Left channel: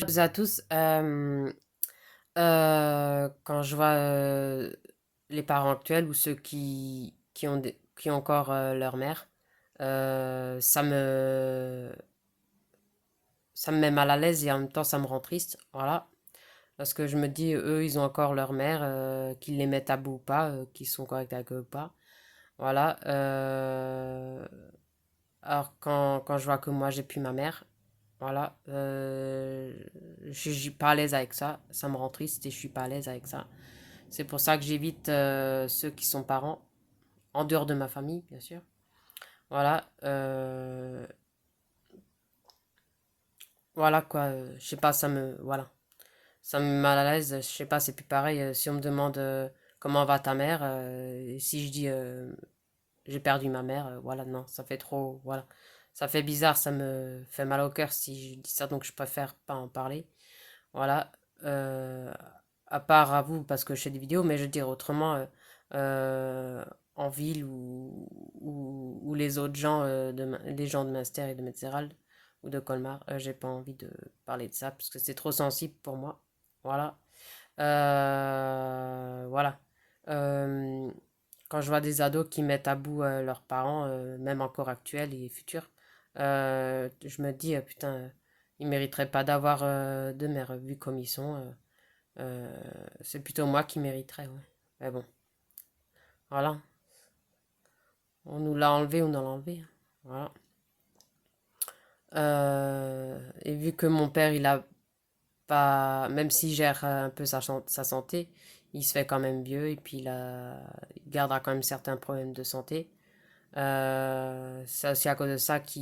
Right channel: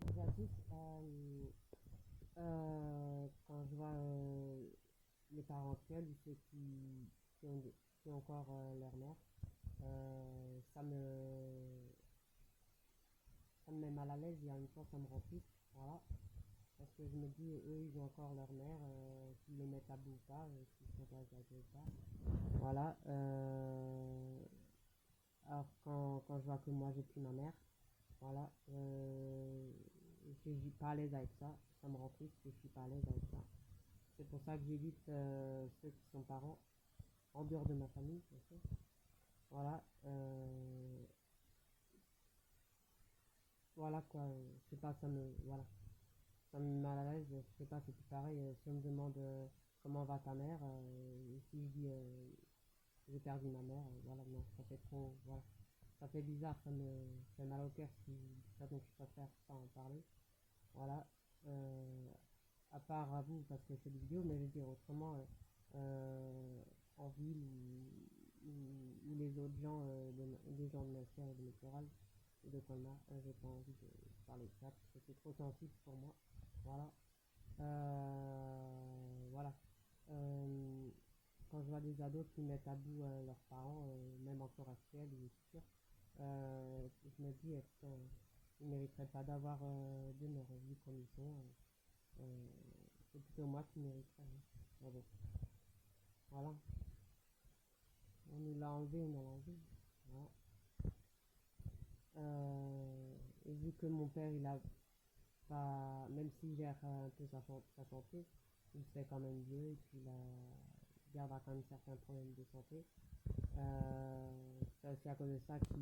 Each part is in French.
Bonjour à tous. Quand je vois les parents actuels ou ceux qui ont encore leur mère, ça me met mal à l'aise et en même temps ça me rend triste. Voilà. Parce que je me dis, eux, ils ont encore leur mère, qu'ils les mettent à bout ou pas, qu'ils sont corrects avec eux ou pas. Voilà. Alors quand je vois que moi j'ai plus ma mère, voilà, je suis pas à l'aise avec ça. Ça me rend triste et je suis pas à l'aise avec ça. C'est pour ça que j'évite ceux qui sont parents, en dehors de ma famille, bien sûr. Voilà, voilà quoi. Je sais pas, voilà, ça me met mal à l'aise. Je sais pas, c'est plus pareil. Si on me demande comment va ta mère, et si je dis j'ai perdu ma mère, voilà, non, ça fait trop, voilà, ça fait bizarre, ça me fait mal au cœur si je dis ça, donc je préfère pas en parler. Voilà. Euh, à part à vous, parce que je fais des vidéos, mais je veux dire autrement, euh, en ville ou les autres gens, les gens de Münster et de Metzeral ou de Colmar, j'ai pas envie de parler de ça parce que c'est trop sensible pour moi. Voilà. Voilà. Euh, Quand je vois des ados qui mettent à bout leurs parents, même encore actuels et futurs, je me dis, putain, ils mériteraient pas d'avoir de mère, vu comme ils sont. C'est plutôt moi qui mériterais, ouais. Mais bon, voilà. On nous l'a enlevé, on nous l'a enlevé, hein. Voilà. Et vu que mon père, il a pas, même s'il gère un peu sa santé, il se fait quand même vieux et puis il gardera quand même certains problèmes de santé. C'est aussi à cause de ça que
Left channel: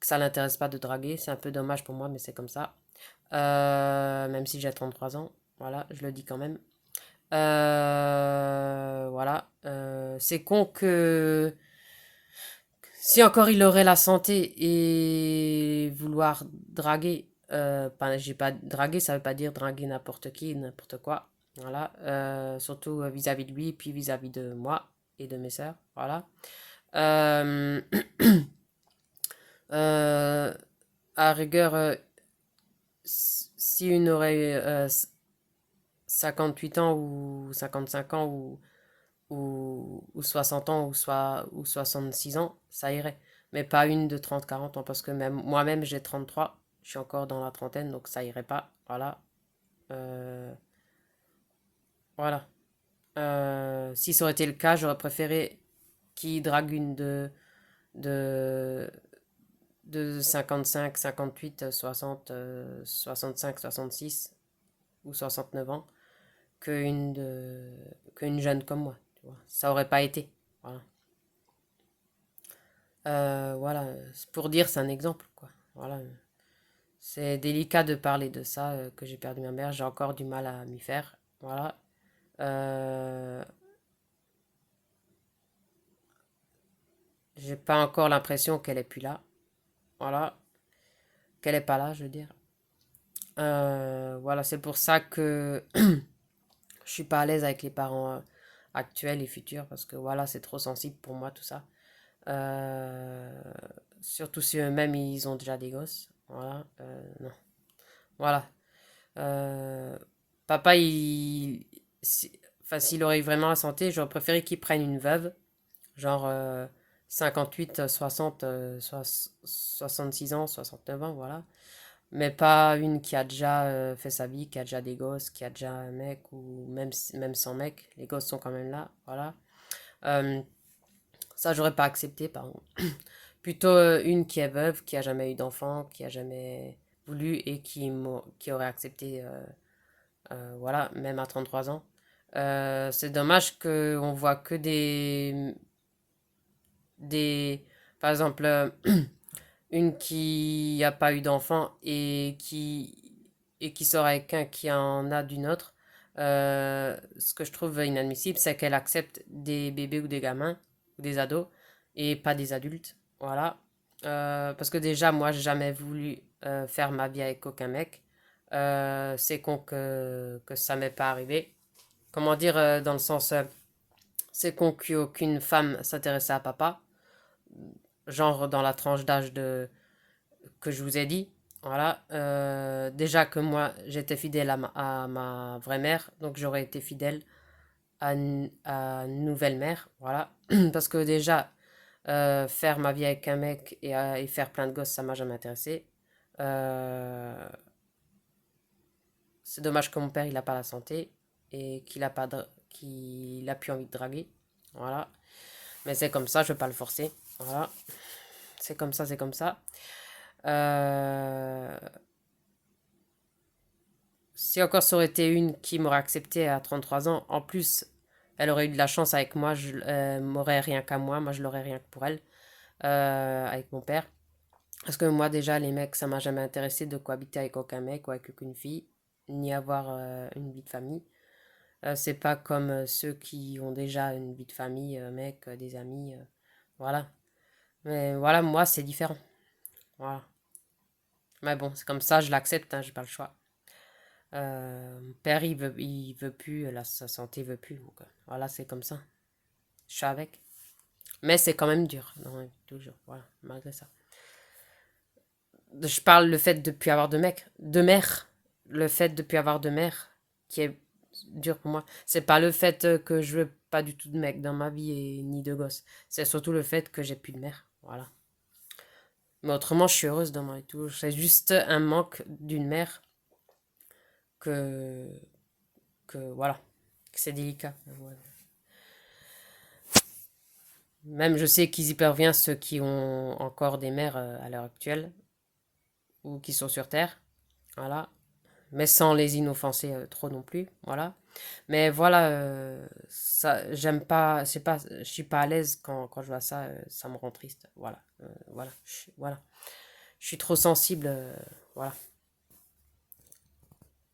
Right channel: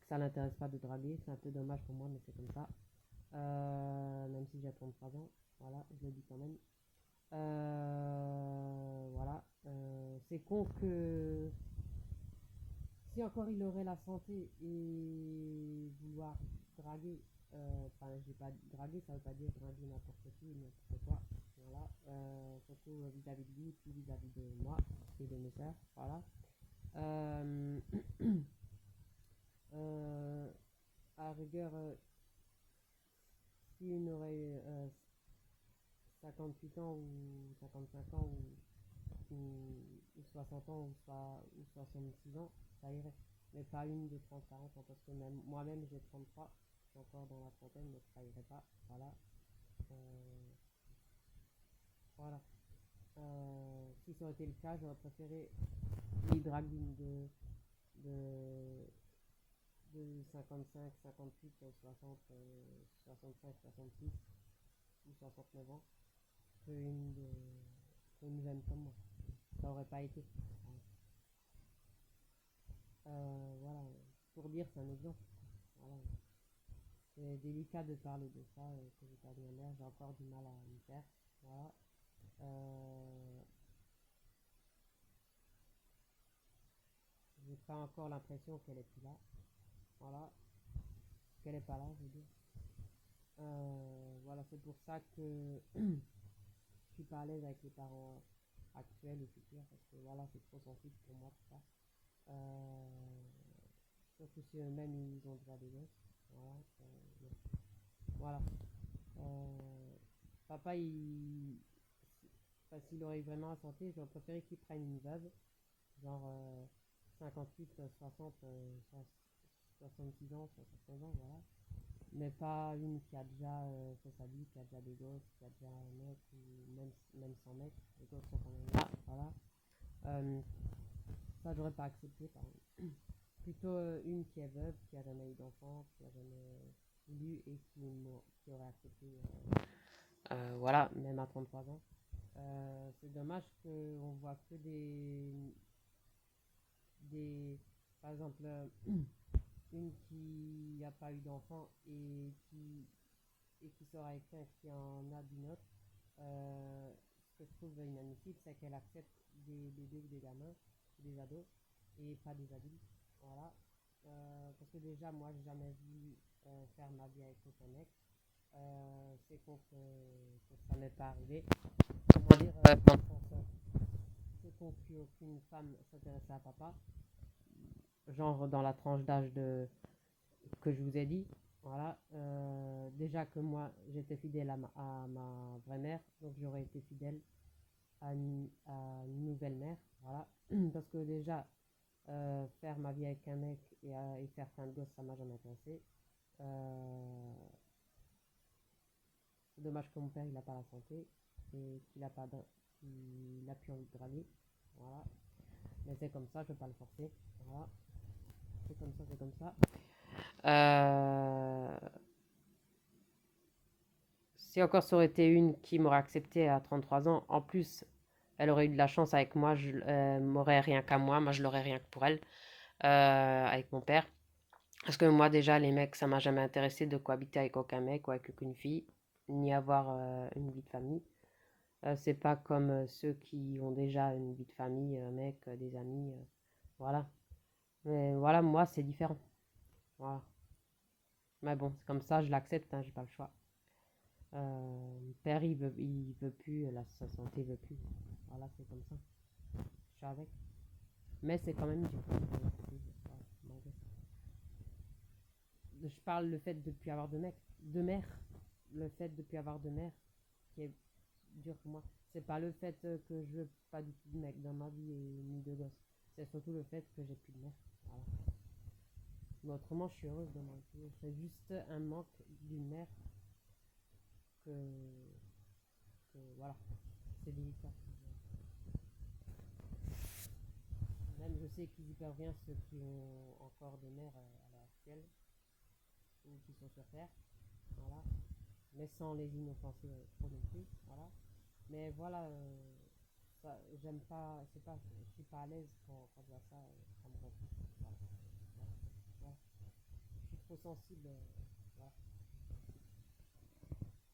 ça l'intéresse pas de draguer. C'est un peu dommage pour moi, mais c'est comme ça. Même si j'ai 33 ans, voilà, je le dis quand même. Voilà. C'est con que si encore il aurait la santé et vouloir draguer, j'ai pas draguer, ça veut pas dire draguer n'importe qui, n'importe quoi. Voilà. Surtout vis-à-vis de lui, puis vis-à-vis de moi et de mes sœurs. Voilà. Euh, euh, à rigueur, si une aurait 58 ans ou 55 ans ou 60 ans ou 66 ans, ça irait. Mais pas une de 30 40 ans parce que même moi-même j'ai 33, je suis encore dans la trentaine donc ça irait pas. Voilà. Euh, voilà. Si ça aurait été le cas, j'aurais préféré qu'il drague une de, de 55, 58, 60, 65, 66 ou 69 ans qu'une jeune comme moi. Tu vois. Ça aurait pas été. Voilà. Voilà, c'est pour dire, c'est un exemple, quoi. Voilà. C'est délicat de parler de ça, que j'ai perdu ma mère. J'ai encore du mal à m'y faire. Voilà. Euh, j'ai pas encore l'impression qu'elle est plus là. Voilà. Qu'elle est pas là, je veux dire. Voilà, c'est pour ça que je suis pas à l'aise avec les parents actuels et futurs parce que voilà, c'est trop sensible pour moi tout ça. Euh, Surtout si eux-mêmes ils ont déjà des gosses. Voilà. Non. Voilà. Euh, Papa, enfin, s'il aurait eu vraiment la santé, j'aurais préféré qu'il prenne une veuve, genre 58, 60, 66 ans, 69 ans, voilà. Mais pas une qui a déjà fait sa vie, qui a déjà des gosses, qui a déjà un mec, ou même sans mec, les gosses sont quand même là, voilà. Euh, Ça, j'aurais pas accepté, pardon. Plutôt une qui est veuve, qui a jamais eu d'enfant, qui a jamais voulu et qui aurait accepté, voilà, même à 33 ans. C'est dommage qu'on voit que des par exemple, une qui n'a pas eu d'enfant et qui sort avec un qui en a d'une autre. Ce que je trouve inadmissible, c'est qu'elle accepte des bébés ou des gamins ou des ados et pas des adultes. Voilà. Parce que déjà, moi, j'ai jamais voulu faire ma vie avec aucun mec. C'est con que ça m'est pas arrivé. Comment dire, dans le sens, c'est con qu'aucune femme s'intéressait à papa, genre dans la tranche d'âge que je vous ai dit. Voilà. Déjà que moi, j'étais fidèle à ma vraie mère, donc j'aurais été fidèle à une nouvelle mère. Voilà. Parce que déjà, faire ma vie avec un mec et faire plein de gosses, ça m'a jamais intéressé. Euh, c'est dommage que mon père, il a pas la santé et qu'il a plus envie de draguer. Voilà. Mais c'est comme ça, je vais pas le forcer. Voilà. C'est comme ça, c'est comme ça. Euh, Si encore ça aurait été une qui m'aurait accepté à 33 ans, en plus, elle aurait eu de la chance avec moi, je m'aurais rien qu'à moi je l'aurais rien que pour elle, avec mon père. Parce que moi déjà, les mecs, ça m'a jamais intéressé de cohabiter avec aucun mec ou avec aucune fille, ni avoir une vie de famille. C'est pas comme ceux qui ont déjà une vie de famille, mec, des amis, voilà. Mais voilà, moi, c'est différent. Voilà. Mais bon, c'est comme ça, je l'accepte, hein, j'ai pas le choix. Mon père, il veut plus, sa santé veut plus. Donc, voilà, c'est comme ça. Je suis avec. Mais c'est quand même dur, non, ouais, toujours. Voilà, malgré ça. Je parle le fait de ne plus avoir de mec, de mère. Le fait de ne plus avoir de mère, qui est dur pour moi. C'est pas le fait que je veux pas du tout de mec dans ma vie et ni de gosse. C'est surtout le fait que j'ai plus de mère. Voilà. Mais autrement, je suis heureuse dans ma vie. C'est juste un manque d'une mère que, voilà, que c'est délicat. Voilà. Même je sais qu'ils y peuvent rien, ceux qui ont encore des mères à l'heure actuelle ou qui sont sur Terre. Voilà. Mais sans les inoffenser trop non plus. Voilà. Mais voilà, ça, j'aime pas, je suis pas à l'aise quand je vois ça, ça me rend triste. Voilà. Voilà. Voilà. Je suis trop sensible. Voilà.